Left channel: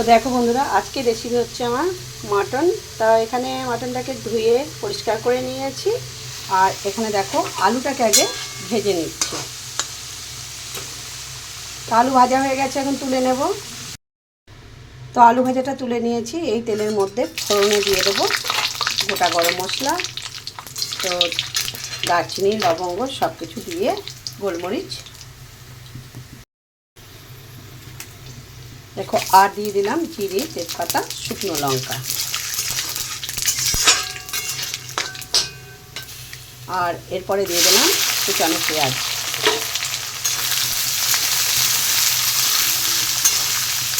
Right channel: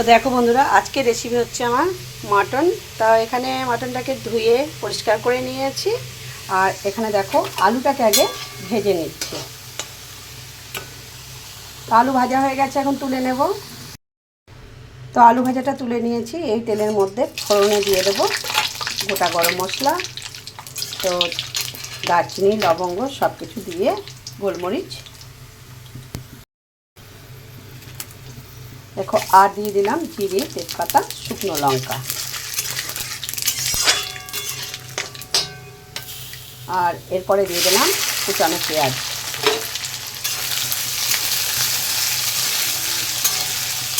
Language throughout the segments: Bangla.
তো দেখো বন্ধুরা, আজকে রেসিপি হচ্ছে আমার মাটন তা এখানে মাটনটাকে ধুয়ে পরিষ্কার করে নিয়েছি। আর এখানে দেখো, আলুটাকে আগে ভেজে নিচ্ছি। তো আলু ভাজা হয়ে গেছে, এখন তুলে নেব। তো আলু ভাজাটা তুলে নিয়েছি, এই তেলের মধ্যে ফোড়নে দিয়ে দেবো গোটা গরম মশলা। তো দারচিনি, লবঙ্গ সব কিছু দিয়ে গোলমরিচ দেখো আর দিয়ে দিলাম জিরে, তেজপাতা, শুকনো লঙ্কা। আর এরপরে দিয়ে দিলাম কুচানো পেঁয়াজ।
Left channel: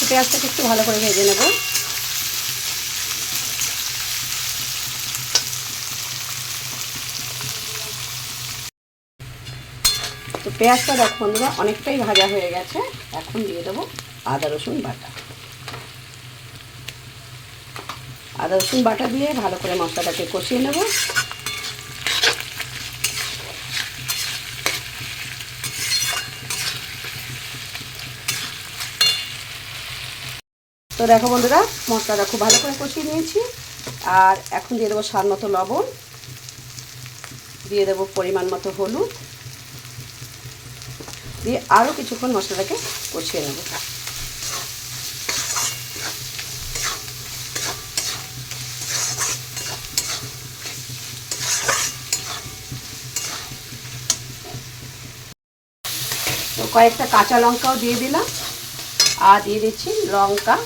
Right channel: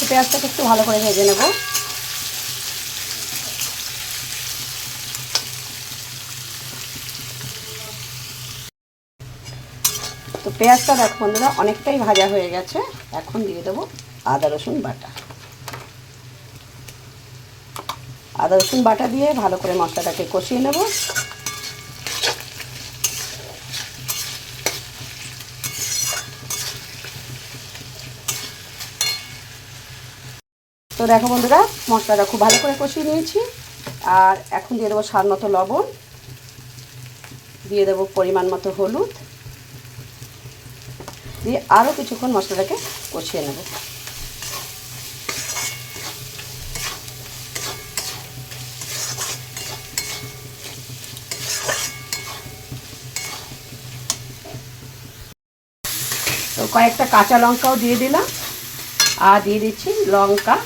পেঁয়াজটাকে একটু ভালো করে ভেজে নেব। তো পেঁয়াজটা দেখো বন্ধুরা, অনেকটাই ভাজা হয়ে গেছে। এখন দিয়ে দেবো আদা রসুন বাটা। আদা রসুন বাটা দিয়ে ভালো করে মশলাটাকে কষিয়ে নেব। তো দেখো বন্ধুরা, মশলাটা খুব ভালো করে কষিয়ে নিয়েছি। আর এখন দিয়ে দেবো স্বাদ মতো লবণ। দিয়ে দেবো পরিমাণ মতো হলুদ। দিয়ে আরও কিছুক্ষণ মশলাটাকে কষিয়ে নেব। তো কয়েকটা কাঁচা লঙ্কাও দিয়ে দিলাম। আর দিয়ে দিচ্ছি লঙ্কা,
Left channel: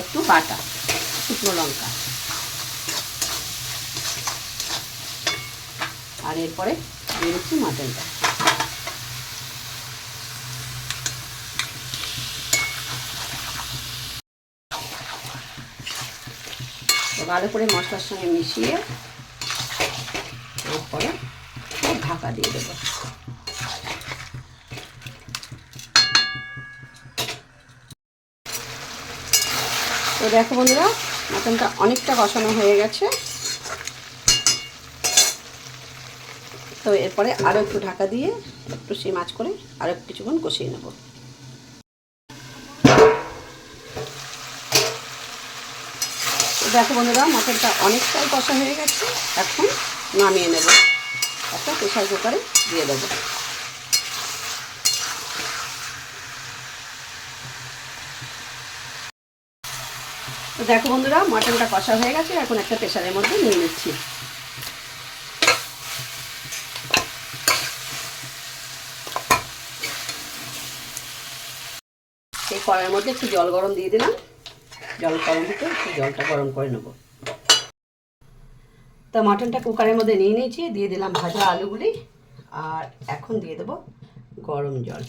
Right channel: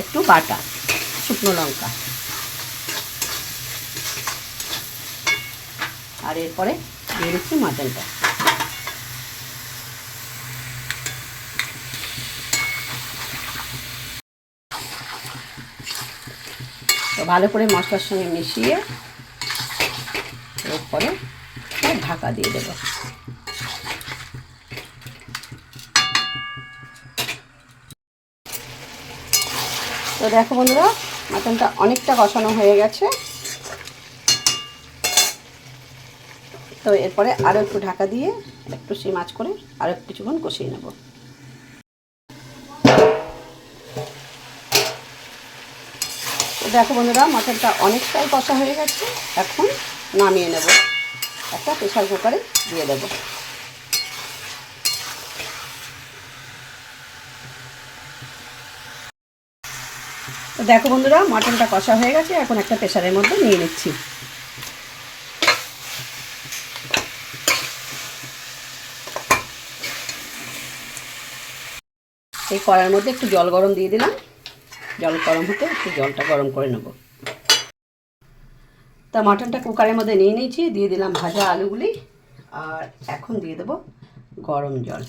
একটু বাটা, শুকনো লঙ্কা। আর এরপরে দিয়ে দিচ্ছি মাটনটা। তো ভালো করে মশলার সঙ্গে মিশিয়ে এরপরে ঢাকা দিয়ে দেবো। দেখো বন্ধুরা, মাটনটা অনেকটা কষানো হয়ে গেছে। তো এরপরে আরও একটু ঢাকা দিয়ে একটু সেই মাছ করে আরও কিছুক্ষণ কষিয়ে নেব। দেখো বন্ধুরা, মাটনটা অনেকটাই কষা হয়ে গেছে। এখন নামিয়ে নেব। একটা প্রেশার কুকারে দিয়ে দেবো। তো দেখো বন্ধুরা, মাটনটা কষা হয়ে গেছে, এখন একটা প্রেশারের মধ্যে নিয়ে নিচ্ছি। এই কড়ার মধ্যে একটু জল গরম দিয়ে দিলাম। জল গরম হতে একটু জলটা গরম করে নেব। তা মাটনটা কুকারের মধ্যে নিয়ে নিয়েছি, দিয়ে দিলাম ভাজা আলুগুলি, আর এখন দিয়ে দেবো গরম জল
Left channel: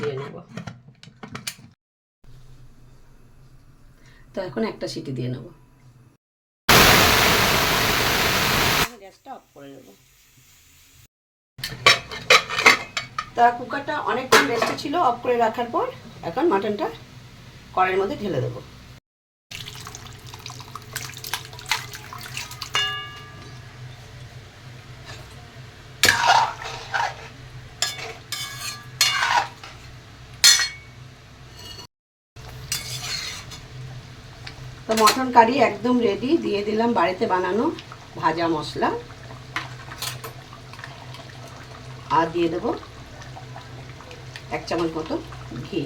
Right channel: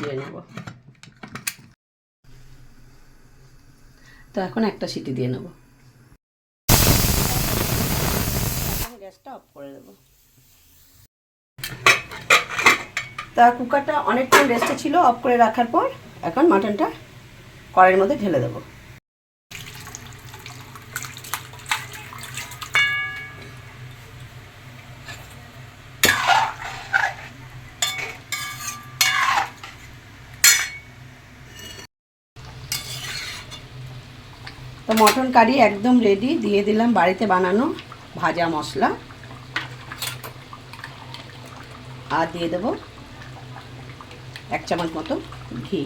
দিয়ে নেব তো এখন একটা সিটি দিয়ে নেব। গ্যাসটা অফ করে দেবো। তা কুকারটা অনেকক্ষণ রেস্টে ছিল অফ করে রাখার পর এখন মাটনটা কড়াইয়ের মধ্যে ঢেলে দেবো। তো মটন কারি একদম রেডি দিয়ে দিলাম বাড়িতে বানানো ভাজা মশলা। আর দিয়ে দেবো এক চামচ মতো ঘি।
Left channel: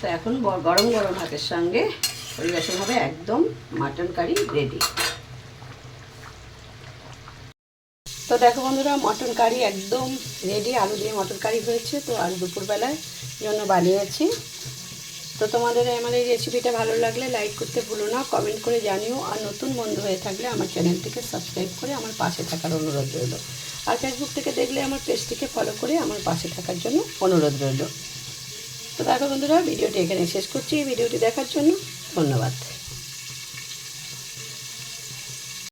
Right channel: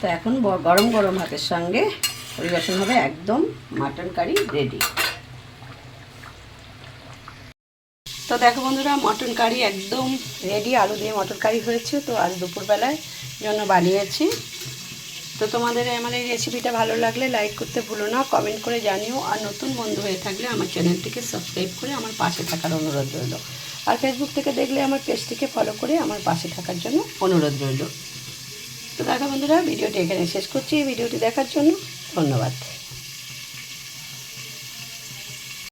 তো এখন গরম গরম ভাতের সঙ্গে পরিবেশন হবে একদম মাটন কারি রেডি তো দেখো বন্ধুরা, মটন কারি একদম রেডি আলু দিয়ে মটন কারি হয়েছে। তো আজ দুপুরবেলায় জন্য বানিয়েছি। তো তোমাদের আমার এই রেসিপিটা ভালো লাগলে লাইক করতে ভুলো না কমেন্ট করে জানিও। আর নতুন বন্ধু হয়ে থাকলে আমার চ্যানেলটিকে সাবস্ক্রাইব করে আমার পাশে থাকার অনুরোধ রইল। আর ফেসবুক থেকে দেখলে আমার পেজটিকে ফলো করে আমার পাশে থাকার জন্য অনুরোধ রইল। তো দেখো বন্ধুরা ভিডিওটি এখানে শেষ করছি। ভিডিওটি দেখার জন্য ধন্যবাদ।